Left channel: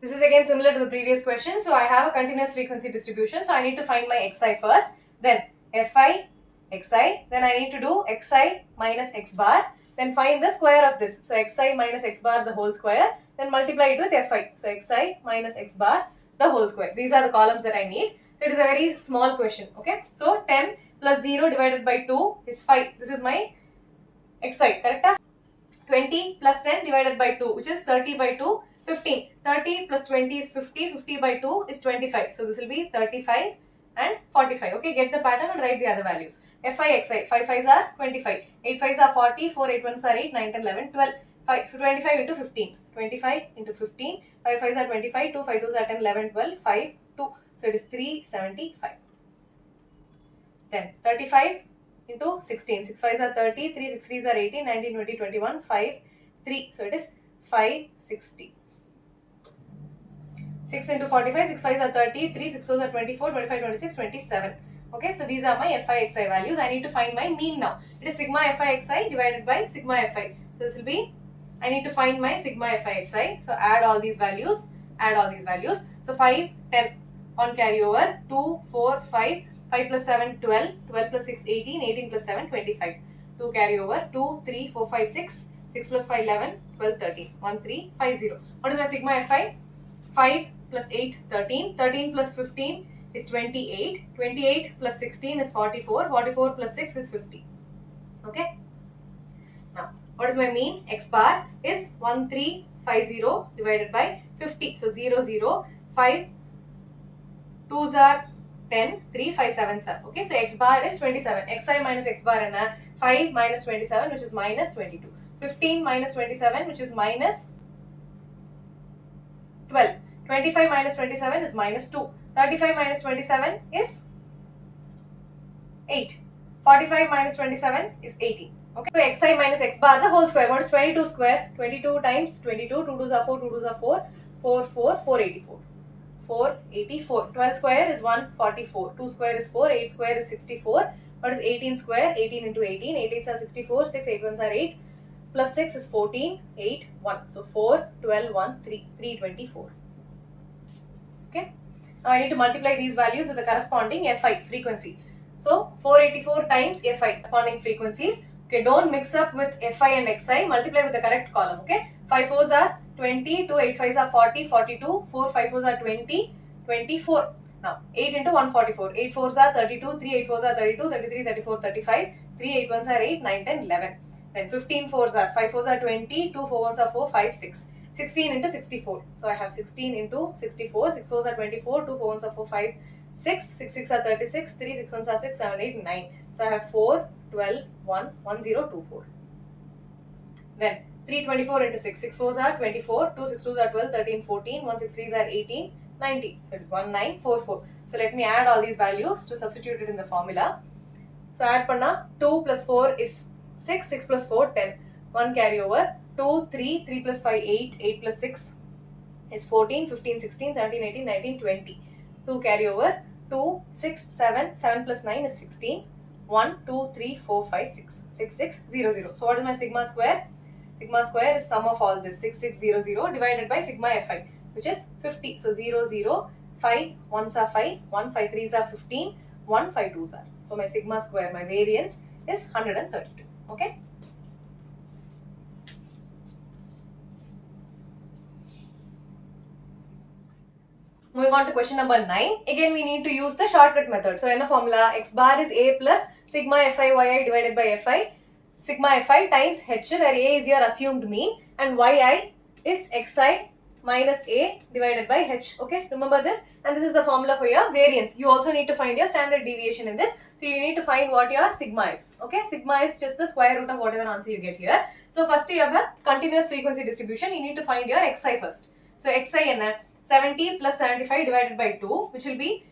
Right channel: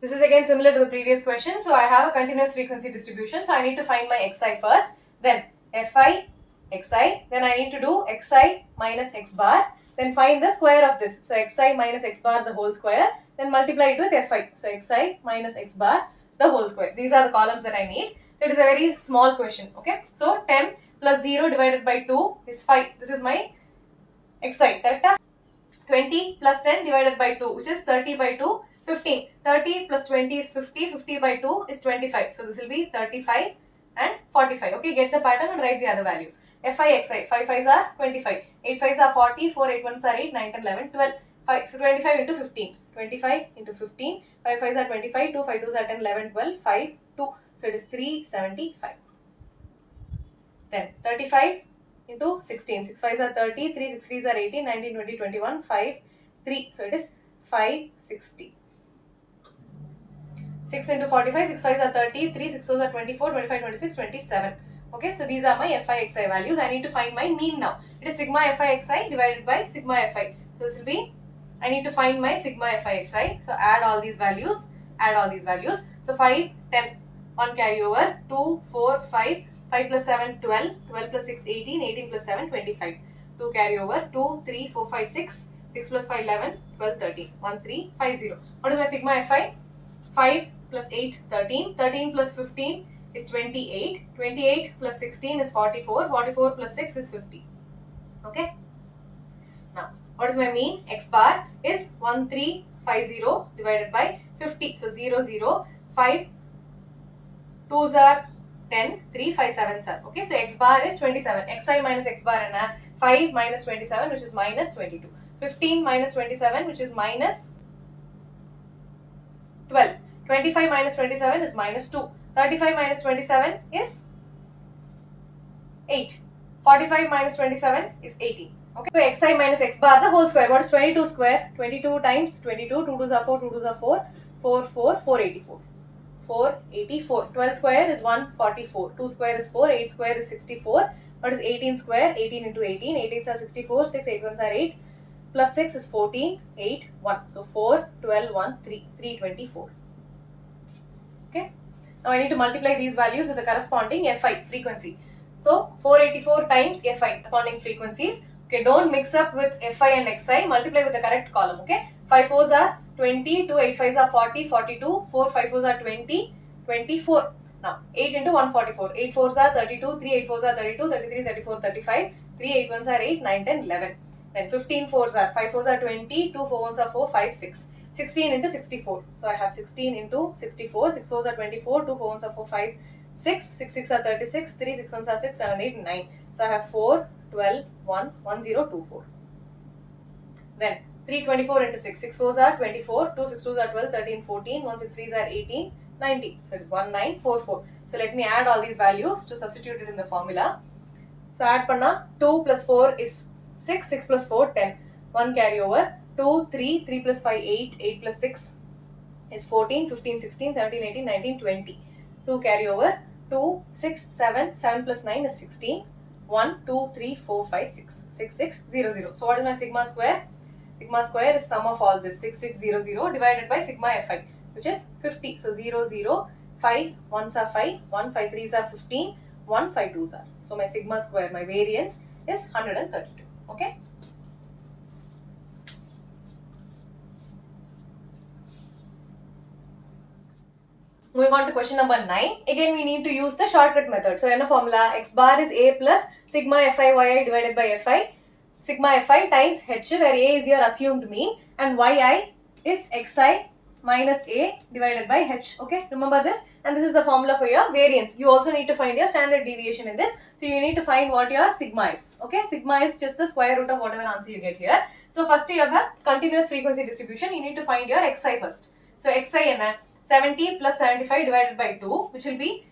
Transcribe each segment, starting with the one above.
This is again similar to the previous question. So I have a continuous frequency distribution. So I need to find my xi first. Then fi, xi. Then I need to do xi minus x bar. Then find the square of this. So xi minus x bar the whole square. Then multiply it with fi. So xi minus x bar the whole square. These are the columns that I need. So it is a very small question. Okay. So 10 plus 0 divided by 2 is 5. This is my xi. Correct? 20 plus 10 divided by 2, which is 30 by 2, 15. 30 plus 20 is 50. 50 by 2 is 25. So this will be 35 and 45. Okay, get the pattern and write the other values. Fi, xi. 5 5s are 25. 8 5s are 40. 4 8 1s are 8. 9 10 11 12. 25 into 15. 25 into 15. 5 5s are 25. 2 5 2s are 10 11 12. 5 2. So it is 375. Then 35 into 16. 6 5s are 30, 3 6 3s are 18, 19, 20, 21, 5, 3. So it is 560. 6 into 45, 6 5s are 30, 3 6 4s are 24, 25, 26, 27. Okay, so these are my fi xi values. I need to find my mean now. It is sigma fi xi divided by sigma fi. So this will be, I need to find my sigma fi xi. So add all these values, So 5, 10, 1 carry over, 2, 4, 5, 5 plus 7, 12, 12 plus 6, 18, 18 plus 7, 25. 2 carry over, 2, 3, 4, 5, 6, 6 plus 5, 11, 12, 13, 1, 3, 5, 0. What is my sigma fi? 5 plus 8, 13, 13 plus 15 is 28, 28 plus 16 is 44, 44 plus 6 is 50. Okay. Now, what is my mean? X bar is 1350 divided by 50. So 0, 0, 5, 2s are 10, 3, 5, 7s are. Okay, so x bar is 27. Xi minus x bar and 5 minus 27, which is minus 22. 15 minus 27, which is minus 12. 25 minus 27 is minus 2. 35 minus 27 is 8. 45 minus 27 is 18. Okay, so xi minus x bar the whole square. What is 22 square? 22 times 22. 2 2s are 4, 2 2s are 4. 4, 4, 484. 484. 12 square is 144. 2 square is 4. 8 square is 64. What is 18 square? 18 into 18. 8 8s are 64. 6 8 1s are 8. Plus 6 is 14. 8 1. So 4, 12, 1, 3. 324. Okay. Now I need to multiply these values with the corresponding fi frequency. So 484 times fi corresponding frequencies. Okay, don't mix up with fi and xi. Multiply with the correct column. Okay. 5 4s are 20, 2 8 5s are 40, 42, 4 5 4s are 20, 24. Now 8 into 144. 8 4s are 32, 3 8 4s are 32, 33, 34, 35, 3 8 1s are 8, 9, 10, 11. Then 15 4s are 5 4s are 20, 2 4 1s are 4, 5, 6. 16 into 64. So I have 16 into 64. 6 4s are 24, 2 4 1s are 4, 5, 6. 6 6 are 36, 3 6 1s are 6, 7, 8, 9. So I have 4, 12, 1, 1, 0, 2, 4. Then 324 into 6. 6 4s are 24, 2 6 2s are 12, 13, 14, 1 6 3s are 18, 19. So it is 1944. So let me add all these values to substitute it in the formula. So add panna 2 plus 4 is 6, 6 plus 4, 10. 1 carry over. 2, 3, 3 plus 5, 8, 8 plus 6 is 14, 15, 16, 17, 18, 19, 20. 2 carry over, 2, 6, 7, 7 plus 9 is 16, 1, 2, 3, 4, 5, 6, 6, 6, 0, 0. So what is my sigma square? Sigma square is sum of all this, 6, 6, 0, 0 divided by sigma fi, which is 50. So 0, 0, 5, 1s are 5, 1, 5, 3s are 15, 1, 5, 2s are. So my sigma square, my variance is 132. Okay. Moving on to question number 9. Again, we need to use the shortcut method. So, in a formula, x bar is a plus sigma fi yi divided by fi. Sigma fi times h, where a is your assumed mean, and yi is xi minus a divided by h. Okay, remember this. And this is the formula for your variance. You also need to find your standard deviation in this. So, you need to find what your sigma is. Okay, sigma is just the square root of whatever answer you get here. So, first you have a continuous frequency distribution. You need to find your xi first. So, xi is 70 plus 75 divided by 2, which will be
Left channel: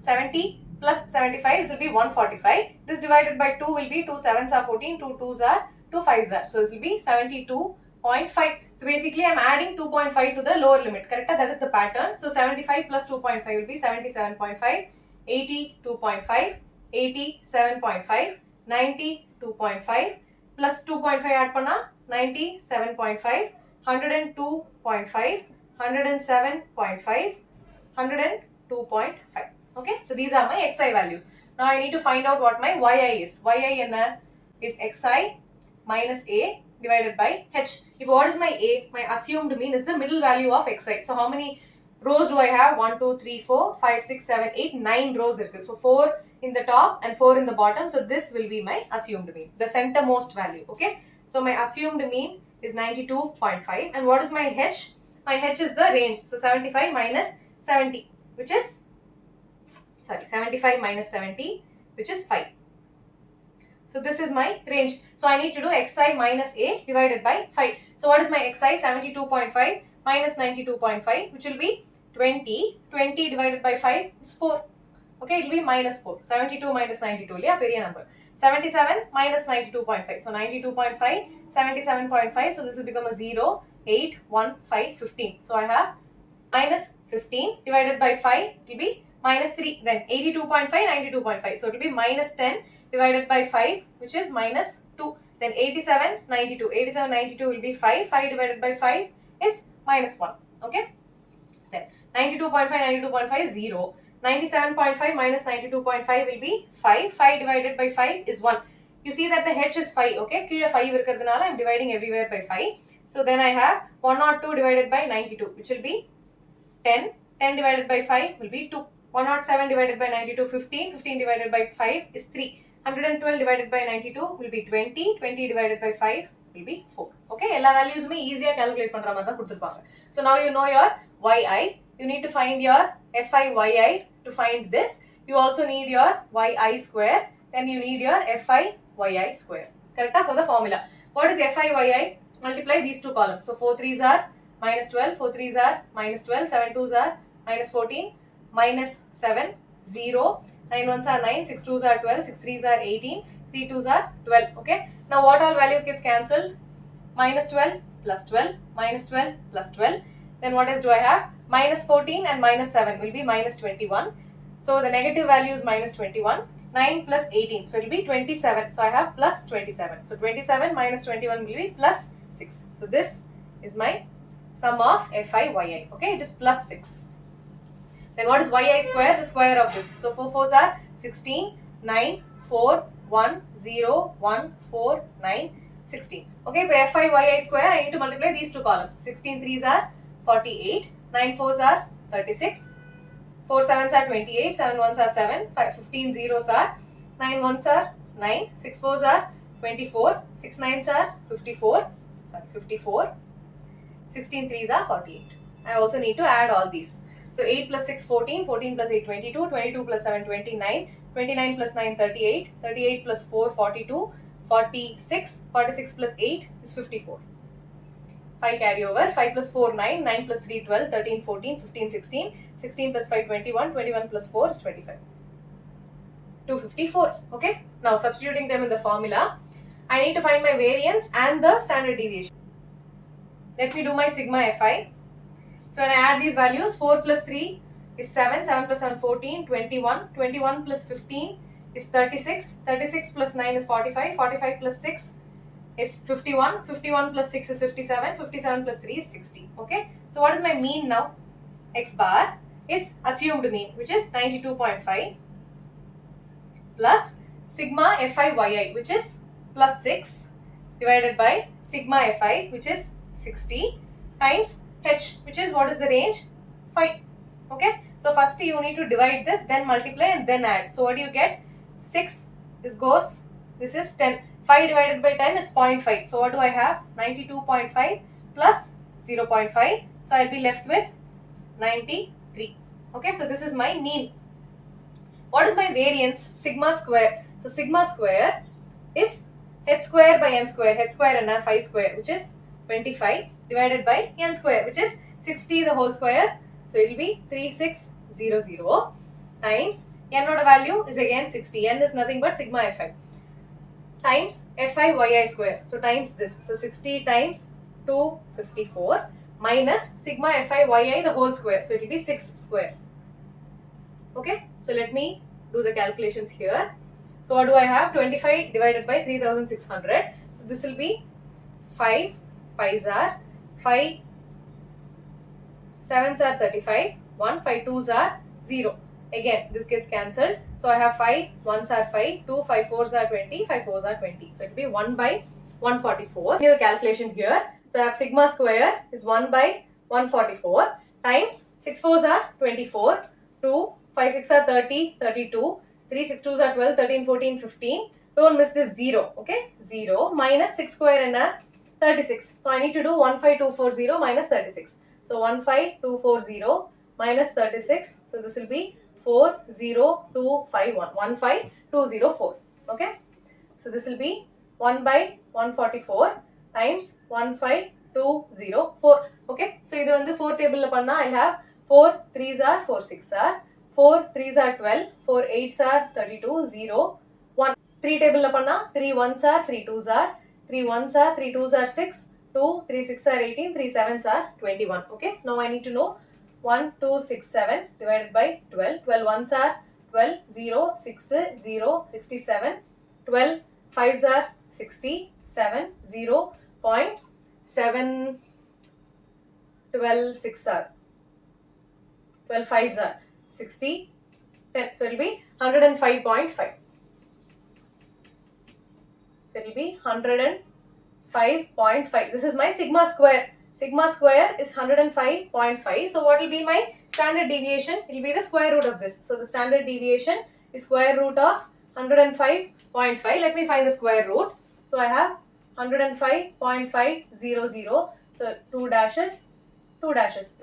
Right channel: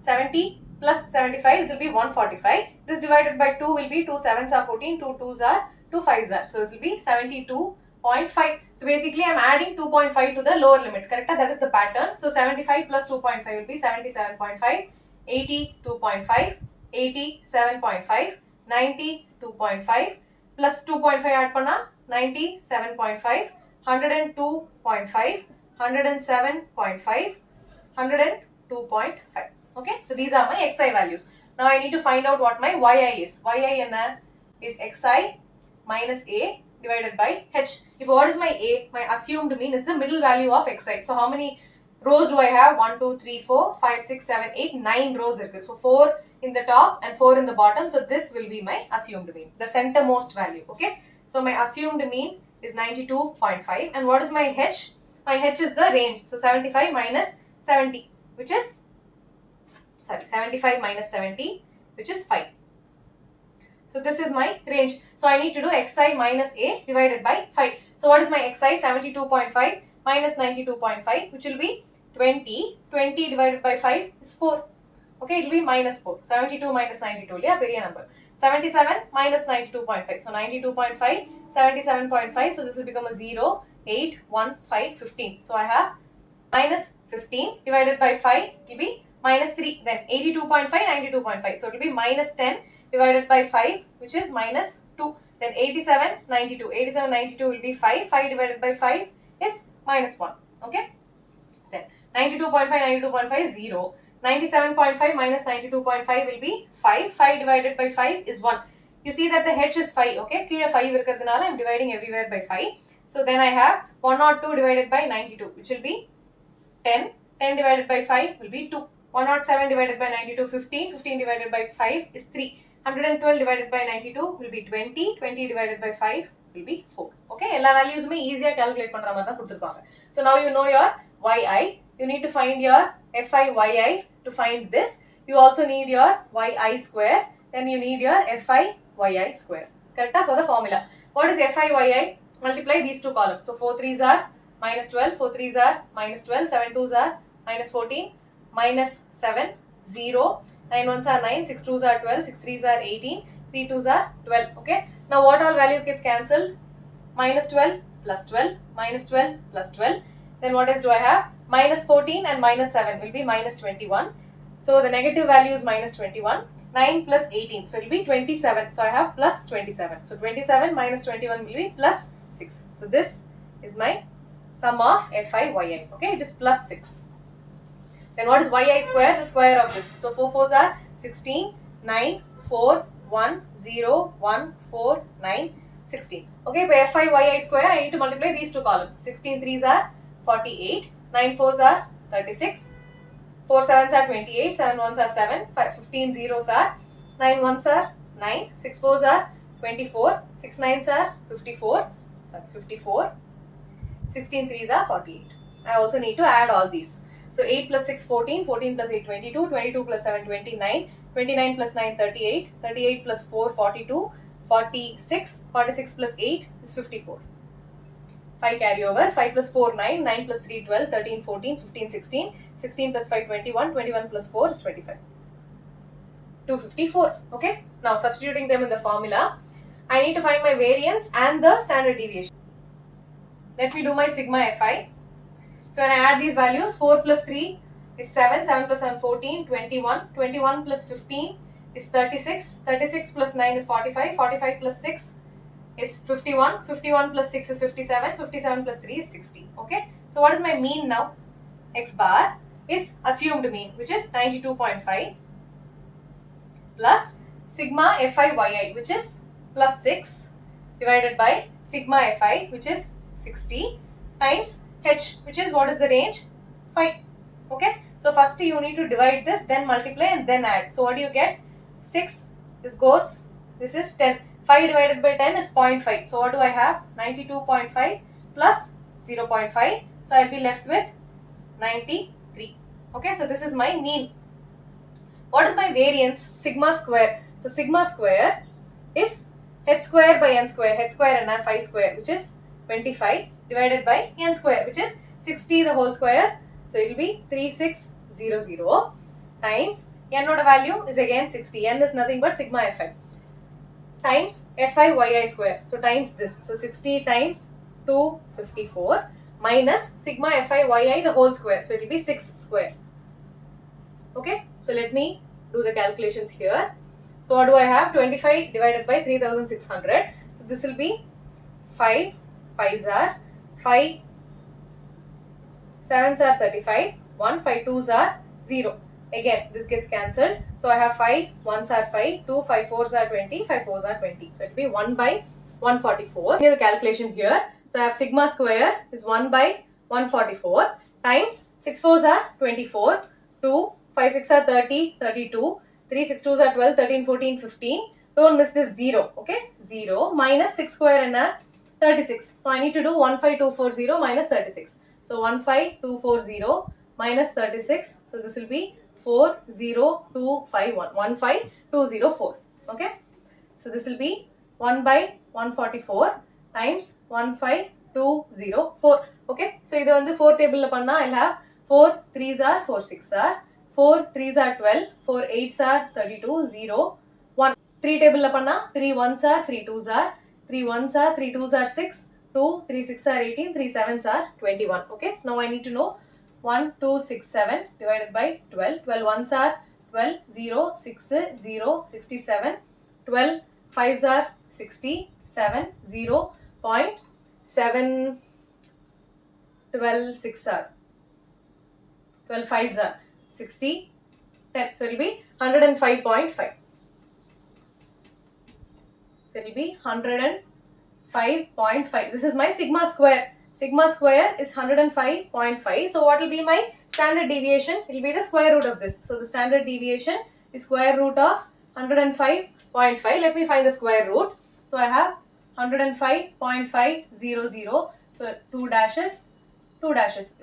70 plus 75, this will be 145. This divided by 2 will be 2 7s are 14, 2 2s are 2 5s are. So this will be 72.5. So basically I am adding 2.5 to the lower limit, correct? That is the pattern. So 75 plus 2.5 will be 77.5, 82.5, 87.5, 92.5 plus 2.5 add panna 97.5, 102.5, 107.5, 102.5. Okay, so these are my xi values. Now I need to find out what my yi is. Yi is xi minus a divided by h. If what is my a? My assumed mean is the middle value of xi. So how many rows do I have? 1, 2, 3, 4, 5, 6, 7, 8, 9 rows. So 4 in the top and 4 in the bottom. So this will be my assumed mean, the centermost value. Okay, so my assumed mean is 92.5. And what is my h? My h is the range. So 75 minus 70, which is 75 minus 70, which is 5. So this is my range. So I need to do xi minus a divided by 5. So what is my xi? 72.5 minus 92.5, which will be 20. 20 divided by 5 is 4. Okay, it will be minus 4. 72 minus 92, yeah, period number. 77 minus 92.5. So 92.5, 77.5. So this will become a 0, 8, 1, 5, 15. So I have minus 15 divided by 5, it will be minus 3. Then 82.5, 92.5. So it will be minus 10 divided by 5, which is minus 2. Then 87, 92. 87, 92 will be 5. 5 divided by 5 is minus 1. Okay. Then 92.5, 92.5 is 0. 97.5 minus 92.5 will be 5. 5 divided by 5 is 1. You see that the h is 5. Okay. Kira 5 irukradhanaala I am dividing everywhere by 5. So then I have 102 divided by 92, which will be 10. 10 divided by 5 will be 2. 107 divided by 92, 15. 15 divided by 5 is 3. 112 divided by 92 will be 20. 20 divided by 5 will be 4. Okay, all values me easier calculate பண்ற மாதிரி தான் கொடுத்திருப்பாங்க. So now you know your yi. You need to find your fi yi to find this. You also need your yi square. Then you need your fi yi square. Correct for the formula. What is fi yi? Multiply these two columns. So 4 3s are minus 12. 4 3s are minus 12. 7 2s are minus 14. Minus 7, 0. 9 1s are 9, 6 2s are 12, 6 3s are 18, 3 2s are 12. Okay. Now what all values gets cancelled? Minus 12 plus 12, minus 12 plus 12. Then what else do I have? Minus 14 and minus 7 will be minus 21. So the negative value is minus 21. 9 plus 18. So it will be 27. So I have plus 27. So 27 minus 21 will be plus 6. So this is my sum of fi yi. Okay. It is plus 6. Then what is yi square? The square of this. So 4 4s are 16, 9, 4, 1, 0, 1, 4, 9, 16. Okay, by fi yi square, I need to multiply these two columns. 16 3s are 48, 9 4s are 36, 4 7s are 28, 7 1s are 7, 15 zeros are, 9 1s are 9, 6 4s are 24, 6 9s are 54, 16 3s are 48. I also need to add all these. So 8 plus 6 14, 14 plus 8 22, 22 plus 7 29, 29 plus 9 38, 38 plus 4 42, 46, 46 plus 8 is 54. 5 carry over, 5 plus 4 9, 9 plus 3 12, 13 14, 15 16, 16 plus 5 21, 21 plus 4 is 25. 254. Okay. Now substituting them in the formula, I need to find my variance and the standard deviation. Let me do my sigma fi. So when I add these values, 4 plus 3 is 7, 7 plus 7 14, 21, 21 plus 15 is 36, 36 plus 9 is 45, 45 plus 6 is 51, 51 plus 6 is 57, 57 plus 3 is 60. Okay. So what is my mean now? X bar is assumed mean, which is 92.5 plus sigma fi yi, which is plus 6 divided by sigma fi, which is 60 times h, which is what is the range? 5. Okay. So first you need to divide this, then multiply and then add. So what do you get? 6. This goes. This is 10. 5 divided by 10 is 0.5. So what do I have? 92.5 plus 0.5. So I'll be left with 93. Okay. So this is my mean. What is my variance? Sigma square. So sigma square is h square by n square. H square and 5 square, which is 25 divided by n square, which is 60 the whole square. So it will be 3600 times n oda value is again 60. N is nothing but sigma fi times fi yi square. So times this. So 60 times 254 minus sigma fi yi the whole square. So it will be 6 square. Okay. So let me do the calculations here. So what do I have? 25 divided by 3600. So this will be 5 5s are 5 7s are 35, 1, 5 2s are 0. Again, this gets cancelled. So I have 5 1s are 5, 2 5 4s are 20, 5 4s are 20. So it will be 1 by 144. Here's the calculation here. So I have sigma square is 1 by 144 times 6 4s are 24, 2 5 6 are 30, 32, 3 6 2s are 12, 13, 14, 15. Don't miss this 0. Okay, 0 minus 6 square and 36. So I need to do 15240 minus 36. So 15240 minus 36. So this will be 40251. 15204. Okay. So this will be 1 by 144 times 15204. Okay. So this on the 4 table I'll have 4 3s are 4 6 are 4 3s are 12, 4 8s are 32, 0 1. 3 table 3 1s are 3 2s are 3 1s are 3 2s are 6, 2 3 6 are 18, 3 7s are 21. Okay. Now I need to know 1267 divided by 12. 12 1s are 12, 0 6 0 67, 12 5s are 67, 0 0.7, 12 6 are 12 5s are 60, 10. So it will be 105.5. So it will be 105.5. This is my sigma square. Sigma square is 105.5. So what will be my standard deviation? It will be the square root of this. So the standard deviation is square root of 105.5. Let me find the square root. So I have 105.500. So 2 dashes, 2 dashes.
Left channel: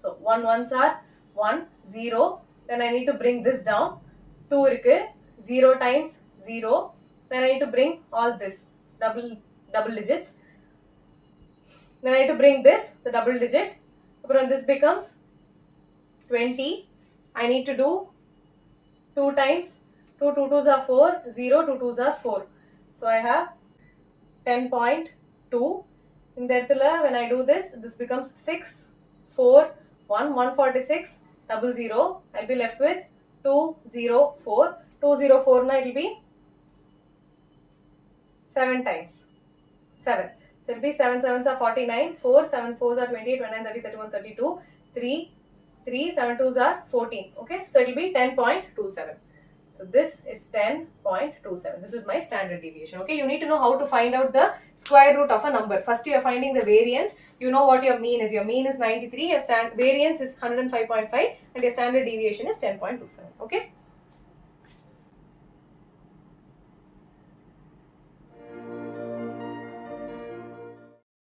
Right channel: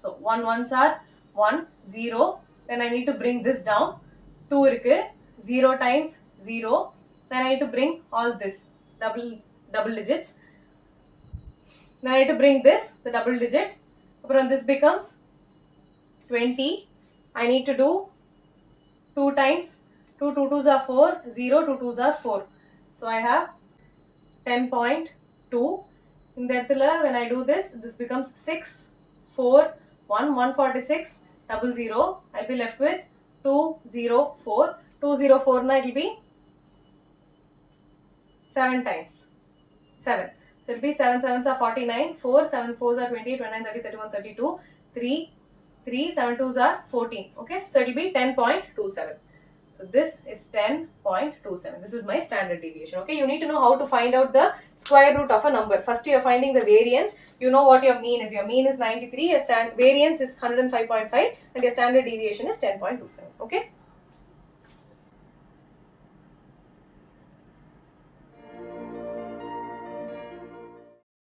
So 1 1s are 1, 0. Then I need to bring this down. 2 irukku. 0 times 0. Then I need to bring all this double digits. Then I need to bring this, the double digit. Then this becomes 20. I need to do 2 times 2 2s are 4, 0 2 2s are 4. So I have 10.2. In that when I do this, this becomes 6, 4, 1, 146, 00. I'll be left with 204. 204 na it will be 7 times 7. So it will be 7 7s are 49, 4 7 4s are 28, 29, 30, 31, 32, 3 3 7 2s are 14. Okay, so it will be 10.27. So this is 10.27. This is my standard deviation. Okay, you need to know how to find out the square root of a number. First you are finding the variance. You know what your mean is. Your mean is 93. Your variance is 105.5 and your standard deviation is 10.27. Okay.